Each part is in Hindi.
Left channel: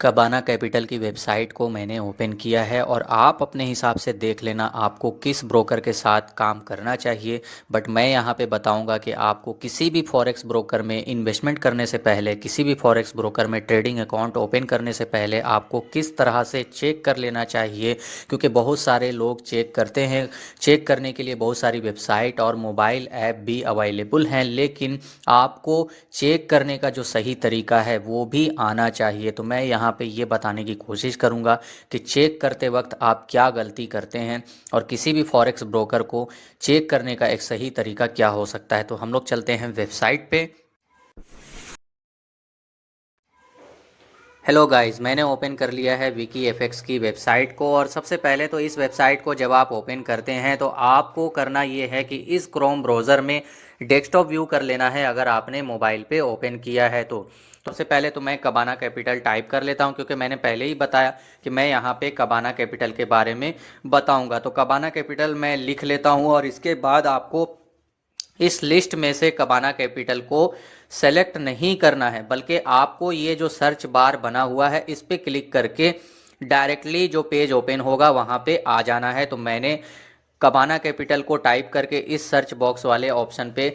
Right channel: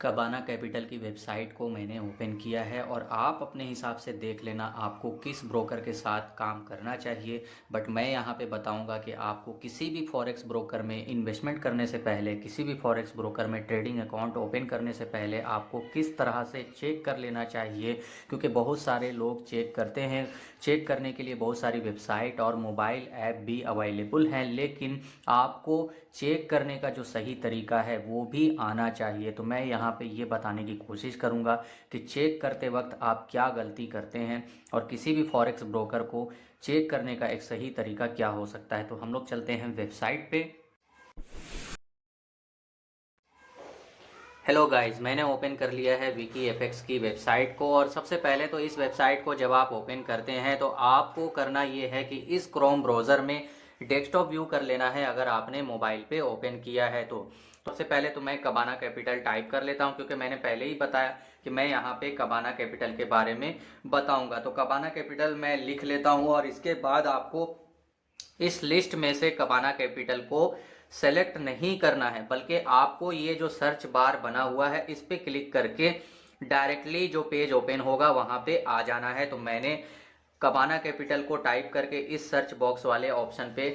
कबाना कैपिटल की वेबसाइट को मैंने ओपन किया है और आप अपने हिसाब से देख लेना आपको किस ब्रोकर के साथ काम करना चाहिए। बट मैं यहाँ पे बताऊँगा कि आपको किसी भी फॉरेक्स ब्रोकर में इन्वेस्टमेंट करने से पहले, किसी भी फॉरेक्स ब्रोकर में ट्रेडिंग अकाउंट ओपन करने से पहले आपको किस तरह से चेक कर लेना चाहिए, क्योंकि बहुत सारे लोग चेक करते हैं। चेक करने के लिए बहुत सारी वेबसाइट और मोबाइल ऐप भी अवेलेबल हैं, लेकिन आपको चेक करने का जो सही तरीका है वो भी आना चाहिए। तो मैं यहाँ पे ये बताने की कोशिश करूँगा कि चेक करते वक्त आप क्या गलती करते हैं और किसी भी फॉरेक्स ब्रोकर को चेक करने का एक सही तरीका क्या हो सकता है। तो हम लोग चलते हैं वेबसाइट पे। हेलो गाइस, मैंने ओपन कर लिया है विकी एफएक्स की वेबसाइट को। और सबसे पहले तो इस वेबसाइट को जब आप ओपन करते हैं तो आपको करना ये है कि इस क्रोम ब्राउज़र में डेस्कटॉप व्यू कर लेना है अगर आपने मोबाइल पे ओपन किया है तो। सबसे पहले तो मैं कबाना कैपिटल टाइप कर लेता हूँ, क्योंकि मैंने पहले ही बताया कि मैं यहाँ पे कबाना कैपिटल के बारे में बताऊँगा। तो कबाना कैपिटल मैं लिख लेता हूँ और इसके बाद आपको इस लिस्ट में से कबाना कैपिटल को सेलेक्ट नहीं करना है, बल्कि आपको ये जो सर्च बार बना हुआ है इस पे क्लिक करके डायरेक्टली जो पेज ओपन होगा वहाँ पे आ जाना है। तो मैंने कबाना कैपिटल को टाइप करके इस सर्च बॉक्स वाले ऑप्शन पे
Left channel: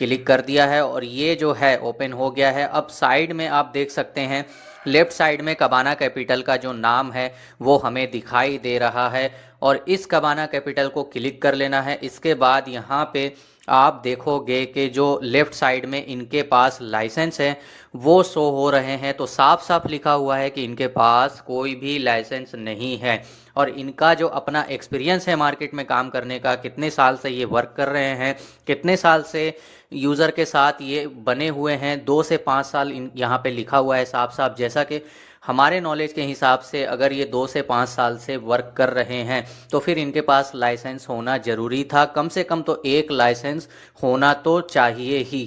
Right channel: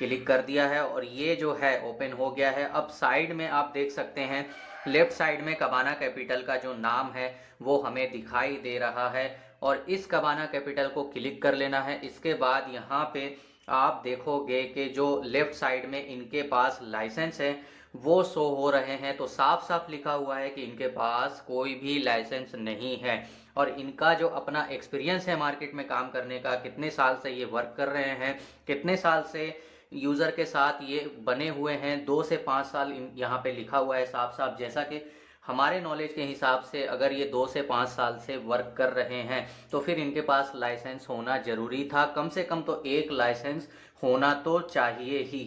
क्लिक कर दिया है और ये जो है ओपन हो गया है। अब साइड में आप देख सकते हैं, लेफ्ट साइड में कबाना कैपिटल का जो नाम है वो हमें दिखाई दे रहा है और इस कबाना कैपिटल को क्लिक कर लेना है। इसके बाद यहाँ पे आप देखोगे कि जो लेफ्ट साइड में इनके पास लाइसेंस है वो शो हो रहे हैं। तो साफ साफ लिखा हुआ है कि इनके पास कोई भी लाइसेंस नहीं है और इनका जो अपना एक्सपीरियंस है मार्केट में काम करने का, कितने साल से ये वर्क कर रहे हैं, कितने साल से यूज़र के साथ ये बने हुए हैं, 2 से 5 साल यहाँ पे लिखा हुआ है साफ साफ। जैसा कि हमारे नॉलेज के हिसाब से अगर ये 2 से 5 साल से वर्क कर रहे हैं तो फिर इनके पास लाइसेंस होना ज़रूरी था। कम से कम तो एक लाइसेंस होना तो चाहिए ही,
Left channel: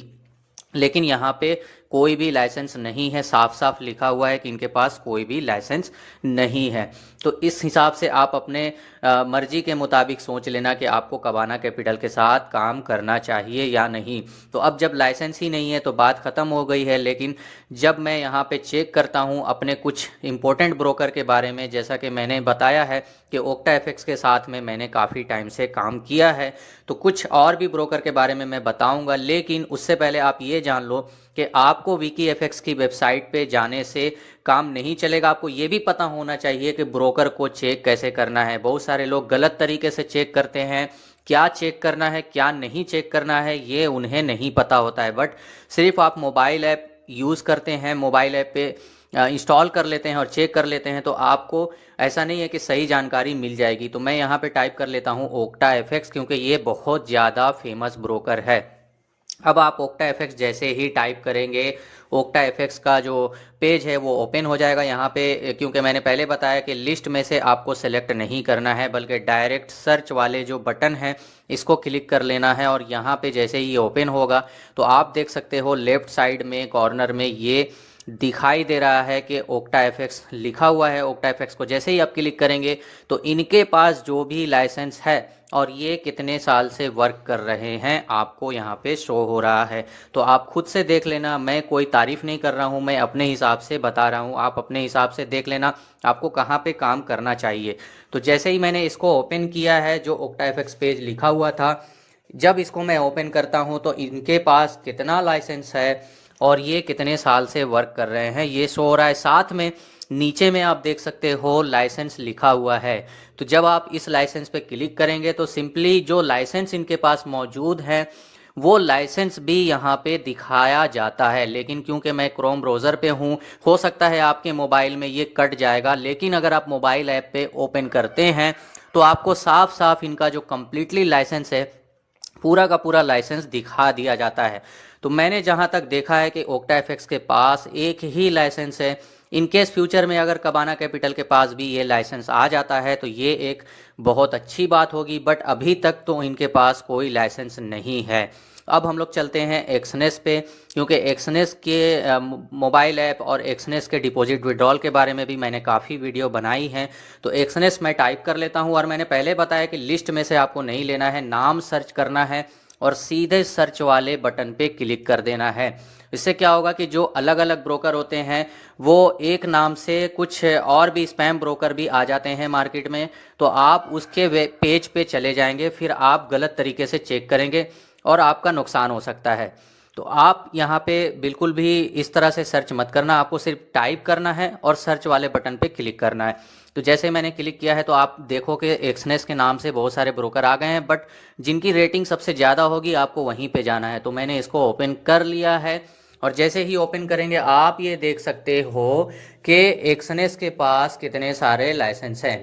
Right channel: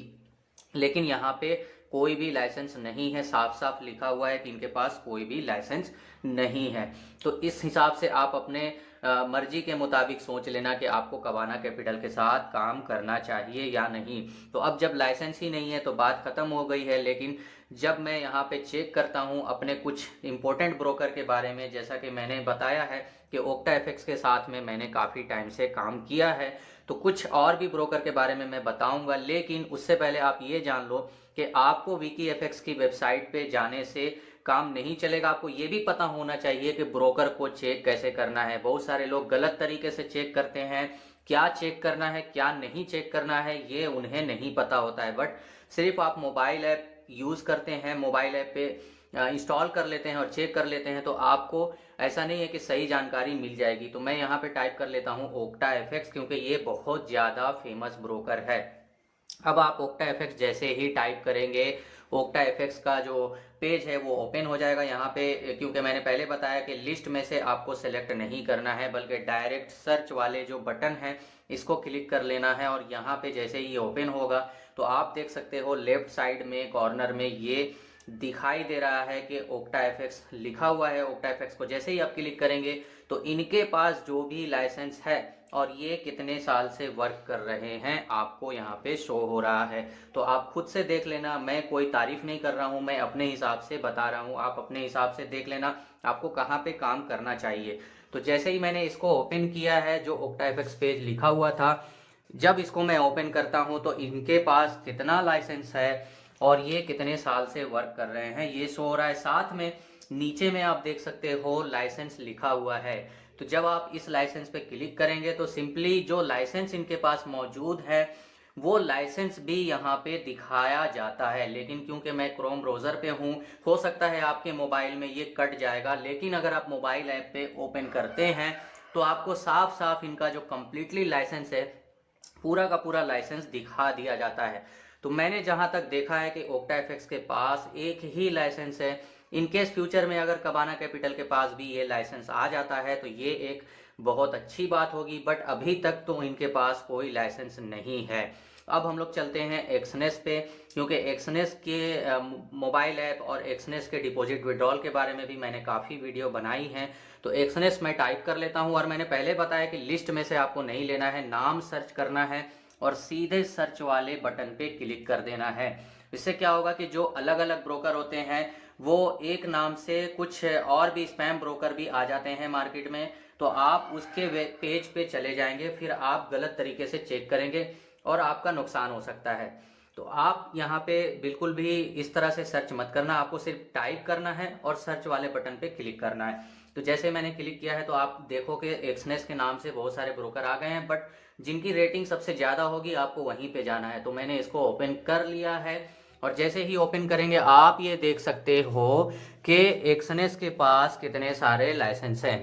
लेकिन यहाँ पे कोई भी लाइसेंस नहीं है। साफ साफ लिखा हुआ है कि इनके पास कोई भी लाइसेंस नहीं है। तो इस हिसाब से आप अपने मर्जी के मुताबिक सोच लेना कि आपको कबाना कैपिटल के साथ काम करना चाहिए या नहीं। तो अब जब लाइसेंस ही नहीं है तो बात ख़त्म हो गई है। लेकिन जब मैं यहाँ पे चेक करता हूँ अपने कुछ इंपॉर्टेंट ब्रोकर के बारे में, जैसा कि मैंने बताया है कि ओक्टा एफएक्स के साथ में मैंने काफ़ी टाइम से काम किया है, तो कुछ और भी ब्रोकर के बारे में मैं बताऊंगा। लेकिन उससे पहले आप ये जान लो कि आपको विकी एफएक्स की वेबसाइट पे जाने से काम नहीं चलेगा। आपको ये भी पता होना चाहिए कि ब्रोकर को चेक कैसे करना है। बहुत सारे लोग गलत तरीके से चेक करते हैं। क्या चेक करना है क्या नहीं चेक करना है ये उन्हें नहीं पता होता है। बट सिर्फ आप मोबाइल ऐप यूज़ करते हैं, मोबाइल ऐप पे इंस्टॉल कर लेते हैं और चेक कर लेते हैं, तो आपको ऐसा नहीं है कि सही जानकारी मिल जाएगी। तो मैं यहाँ पे टाइप कर लेता हूँ ओक्टा एफएक्स, क्योंकि ये बहुत ज़्यादा फेमस ब्रोकर है। अब आप ओक्टा एफएक्स जैसे ही टाइप करेंगे, ओक्टा एफएक्स का जो पेज है वो ओपन हो जाएगा। यहाँ पे क्योंकि मैंने पहले बताया कि लिस्ट में से आपको सेलेक्ट नहीं करना है, बल्कि डायरेक्ट सर्च वाले जो बटन है इसको क्लिक कर लेना है और यहाँ पे जैसे ही ओपन होगा तो आप देख सकते हो लेफ्ट साइड में कॉर्नर में ये दिखाई दे रहा है कि ओक्टा एफएक्स लिखा हुआ है। ओक्टा एफएक्स को जैसे ही आप क्लिक करेंगे तो इनके पास जो भी लाइसेंस है और ये कितने साल से वर्क कर रहे हैं आपको यहाँ पे शो हो रहा है। तो आप खुद से देख लेना, मैं कोई तारीफ नहीं कर रहा हूँ, मैं अपने हिसाब से बता रहा हूँ। आप अपने हिसाब से देख लेना आपको कहाँ पे काम करना चाहिए। तो जैसे ही मैंने इसको ओपन किया है, जो ओक्टा एफएक्स पेज लिखा हुआ था, जब इसको मैं ओपन करता हूँ तो इनके पास कितना लाइसेंस है और ये कितने साल से वर्क कर रहे हैं ये शो हो रहा है। साथ में नीचे में आप देख सकते हो लाइसेंस लिखा हुआ है। तो जब आप इस लाइसेंस पे क्लिक करेंगे तो सिंपली जो लाइसेंस इनके पास मौजूद है वो लाइसेंस भी यहाँ पे दिखाया जाता है। लेकिन क्योंकि मैं क्रोम ब्राउज़र पे हूँ, हो सकता है आपके मोबाइल में ये कट जाएगा, लेकिन अगर आप मोबाइल ऐप पे ओपन करते हैं तो आपको साफ साफ इनका जो कम्प्लीटली लाइसेंस है, पूरा का पूरा लाइसेंस दिखा दिया जाता है। तो मैंने जहां तक देखा है कि ओक्टा एफएक्स के पास एक ही लाइसेंस है। इनकेस फ्यूचर में अगर कबाना कैपिटल के पास भी ये लाइसेंस आ जाता है तो ये एक बहुत अच्छी बात होगी, बट अभी तक तो इनके पास कोई लाइसेंस नहीं है। अब हम लोग चलते हैं एक्सनेस पे, क्योंकि एक्सनेस के मोबाइल ऐप और एक्सनेस के डिपॉजिट विड्रॉल के बारे में भी मैंने काफ़ी वीडियो बनाई हैं। तो एक्सनेस मैं टाइप कर लेता हूं और मैंने पहले बताया कि लिस्ट में से आपको नहीं लेना है, नाम सर्च करना है और सीधे सर्च वाले बटन पे क्लिक कर देना है। इससे क्या होगा कि जो अलग अलग ब्रोकर होते हैं वो एक नाम से कुछ और भी स्पैम ब्रोकर भी आ जाते हैं मार्केट में, तो आप उसके पेज पे चले जाएंगे, फिर आप गलत तरीके से चेक करेंगे और आपका नुकसान हो सकता है। तो आप यहाँ पे बिल्कुल भी इस तरह से सर्च मत करना, आपको सिर्फ टाइप करना है और सर्च वाले बटन पे क्लिक करना है। तो जैसे मैंने क्लिक किया है तो आप देखो कि एक्सनेस के नाम से बहुत सारे ब्रोकर आ गए हैं, बट जिनकी रेटिंग सबसे ज़्यादा होगी आपको वहीं पे जाना है। तो मैंने इसको ओपन कर लिया है और जैसे ही ओपन करेंगे आप ये देख सकते हो कि एक्सनेस के पास कितने सारे लाइसेंस हैं।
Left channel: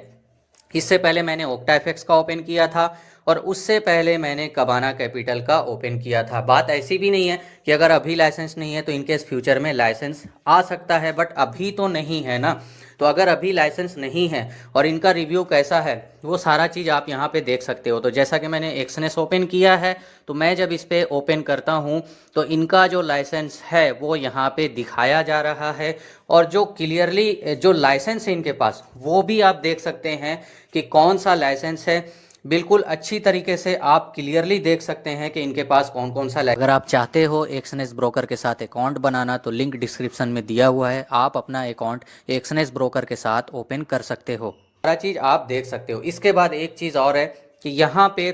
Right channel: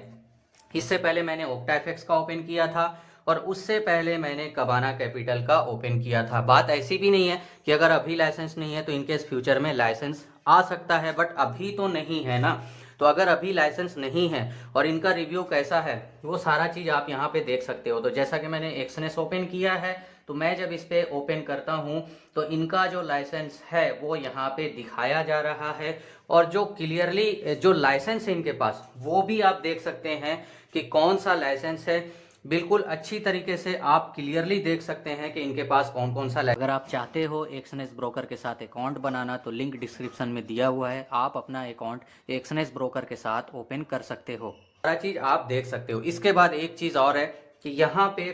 इससे पहले मैंने ओक्टाफेक्स का ओपन किया था और उससे पहले मैंने कबाना कैपिटल का ओपन किया था। बात ऐसी भी नहीं है कि अगर अभी लाइसेंस नहीं है तो इनके फ्यूचर में लाइसेंस आ सकता है, बट अभी तो नहीं है ना। तो अगर अभी लाइसेंस नहीं है और इनका रिव्यू कैसा है वो सारा चीज़ आप यहाँ पे देख सकते हो। तो जैसा कि मैंने एक्सनेस ओपन किया है तो मैं जब इस पर ओपन करता हूँ तो इनका जो लाइसेंस है वो यहाँ पे दिखाया जा रहा है, और जो क्लियरली जो लाइसेंस है इनके पास वो भी आप देख सकते हैं कि कौन सा लाइसेंस है। बिल्कुल अच्छी तरीके से आप क्लियरली देख सकते हैं कि इनके पास कौन कौन सा। अगर आप चाहते हो एक्सनेस ब्रोकर के साथ अकाउंट बनाना तो लिंक डिस्क्रिप्शन में दिया हुआ है, आप अपना अकाउंट एक्सनेस ब्रोकर के साथ ओपन कर सकते हो। सारा चीज़ आप देख सकते हो। इसके बाद एक चीज़ और है कि यहाँ पे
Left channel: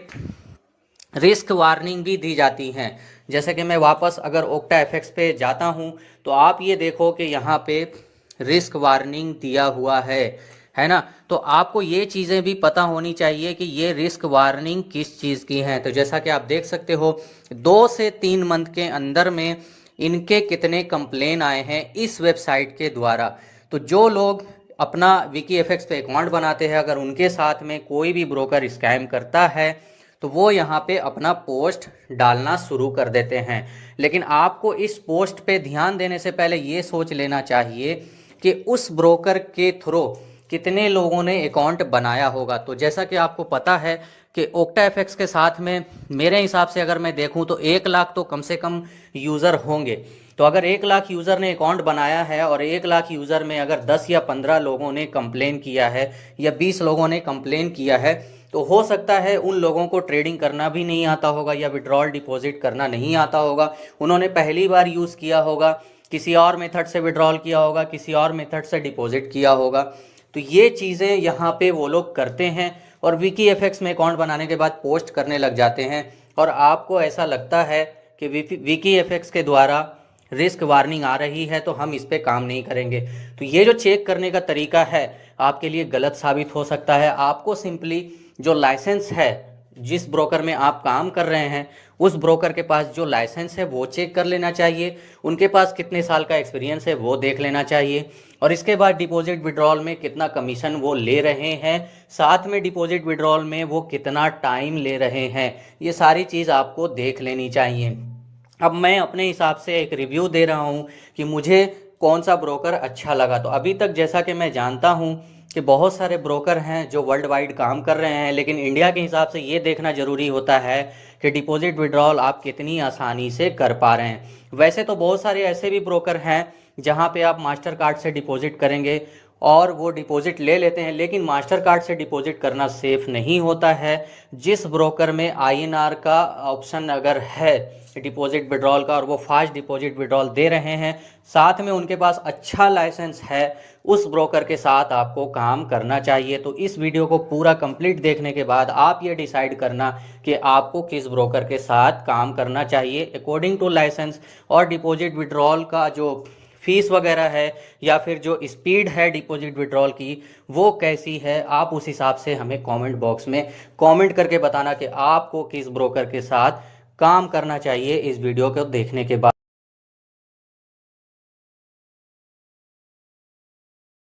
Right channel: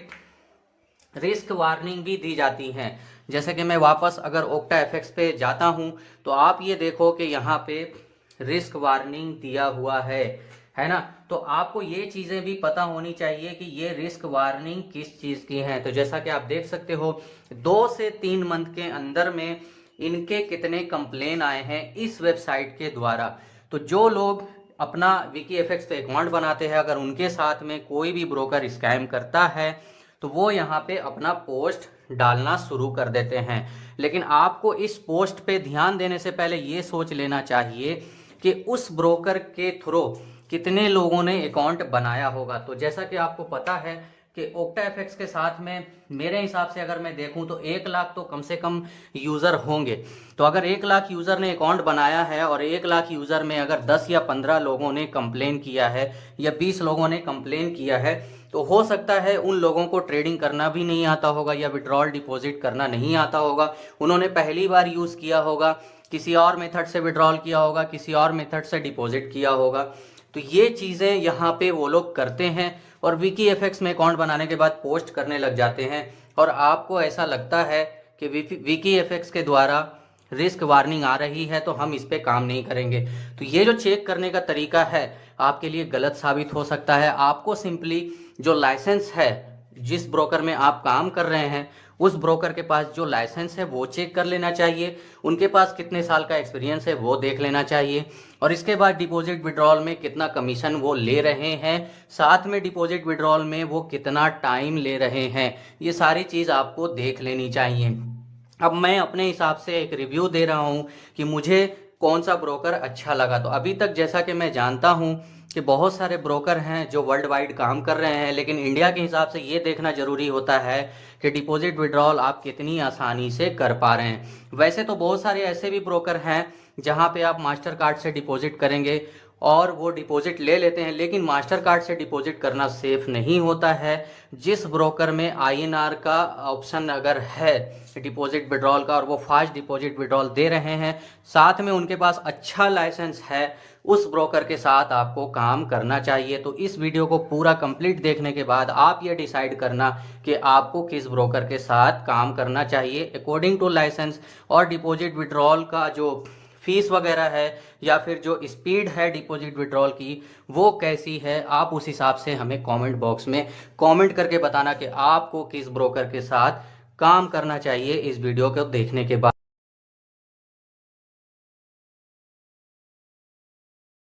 रिस्क वार्निंग भी दी जाती हैं। जैसे कि मैं वापस अगर ओक्टाफेक्स पे जाता हूँ तो आप ये देखो कि यहाँ पे रिस्क वार्निंग दिया हुआ है ना। तो आपको ये चीज़ें भी पता होनी चाहिए कि ये रिस्क वार्निंग किस चीज़ की है। तो जैसा कि आप देख सकते हो 2 से 3 मंथ के अंदर में इनके कितने कंप्लेन आए हैं इस वेबसाइट के द्वारा। तो जो लोग अपना विकीएफएक्स पे अकाउंट बनाते हैं, अगर उनके साथ में कोई भी ब्रोकर स्कैम करता है तो वो यहाँ पे अपना पोस्ट डालना शुरू कर देते हैं। लेकिन आपको इस पोस्ट पे ध्यान देने से पहले ये सोच लेना चाहिए कि उस ब्रोकर के थ्रू कितने लोगों ने अकाउंट बनाया होगा। तो जैसा कि आपको पता है कि ओक्टाफेक्स के साथ में मेरे हिसाब से अगर मैं देखूं तो 1 लाख तो कम से कम यूज़र होंगे। तो अगर 1 लाख यूज़र ने अकाउंट बनाया है और 1 लाख यूज़र में अगर 10 या 15 लोगों ने कंप्लेन किया है या 20 लोगों ने कंप्लेन किया है, तो हो सकता है उन लोगों को ट्रेडिंग करना भी नहीं आता होगा या विड्रॉल डिपॉजिट करना नहीं आता होगा। उन्होंने पहली बार यूज़ किया होगा, किसी और मेथड से विड्रॉल किया होगा, किसी और मेथड से डिपॉजिट किया होगा। तो ये चीज़ें यहाँ पे वो लोग करते हैं और विकीएफएक्स में अकाउंट बनाने के बाद पोस्ट करने लग जाते हैं, और आपको ऐसा लगता है कि विकीएफएक्स के द्वारा रिस्क वार्निंग आ रही है तो हम इस पे काम नहीं करेंगे। तो ये जो चेक करने का तरीका है आपके लिए गलत साबित हो सकता है। आपको सिंपली जो लाइसेंस है जिस ब्रोकर में आप काम कर रहे हैं उस ब्रोकर के पास जो लाइसेंस है वो चेक कर लेना चाहिए, उनके पास कितने साल का एक्सपीरियंस है वो देख लेना चाहिए, और इसके बाद डिपॉजिट विड्रॉल में कितना कमीशन वो ले रहे हैं, साथ में डिपॉजिट विड्रॉल में वो कितना टाइम ले रहे हैं, ये सारी चीज़ आपको देख लेनी चाहिए। अब मैं अपने हिसाब से एक रिव्यू दे रहा हूँ कि मुझे कौन सा ब्रोकर अच्छा लगा। तो अभी तक जैसा कि मैं जानता हूँ कि बहुत सारे ब्रोकर हैं जो वर्ल्ड वाइड काम कर रहे हैं, लेकिन इंडिया के हिसाब से ये देखना ज़रूरी होता है कि डिपॉजिट विड्रॉल आप कितनी आसानी से कर पा रहे हैं। वैसे तो बहुत सारे ऐसे भी ब्रोकर हैं जहाँ पे आप मास्टर कार्ड से डिपॉजिट करेंगे और वो डिपॉजिट ले लेते हैं, लेकिन मास्टर कार्ड से डिपॉजिट करना सेफ़ नहीं होता है। जिस ब्रोकर में आईएनआर का ऑप्शन अगर है डिपॉजिट विड्रॉल का और वो फास्ट डिपॉजिट विड्रॉल दे रहे हैं, साथ में उनके पास अच्छा लाइसेंस है, उस ब्रोकर के साथ आपको काम करना चाहिए। तो इस वीडियो को पूरा कंप्लीट देखने के बाद आप ये डिसाइड करना कि आपको किस ब्रोकर के साथ काम करना चाहिए अकॉर्डिंग टू लाइसेंस, और डिपॉजिट विड्रॉल का जो फीस वगैरह है या फिर जो स्पीड है डिपॉजिट विड्रॉल की वो कैसी है, आप उस हिसाब से हमें कमेंट बॉक्स में कमेंट करके बताना कि आपको किस ब्रोकर के साथ काम करना चाहिए इस वीडियो को देखने के बाद।